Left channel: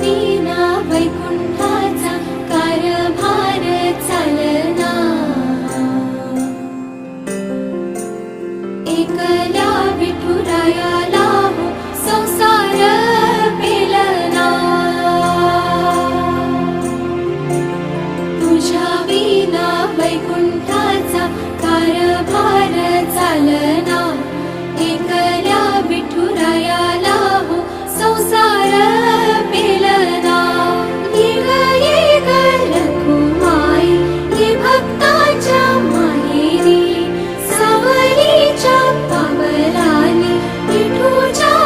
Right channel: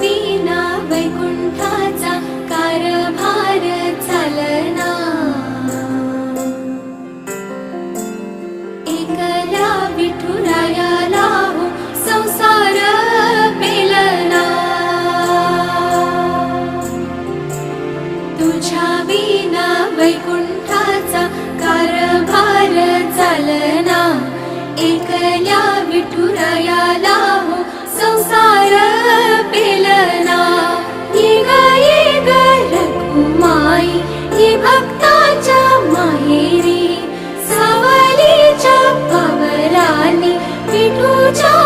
विना वैकुंठाचा कारभार चालना। एकल्या विठुरायाला हो संसार पेलना। तुझ्या विना वैकुंठाचा कारभार चालना। एकल्या विठुरायाला हो संसार पेलना। ये ग रघुमाई ये भक्ताच्या माहेरी, सावलीच्या पावलाने विठूच्या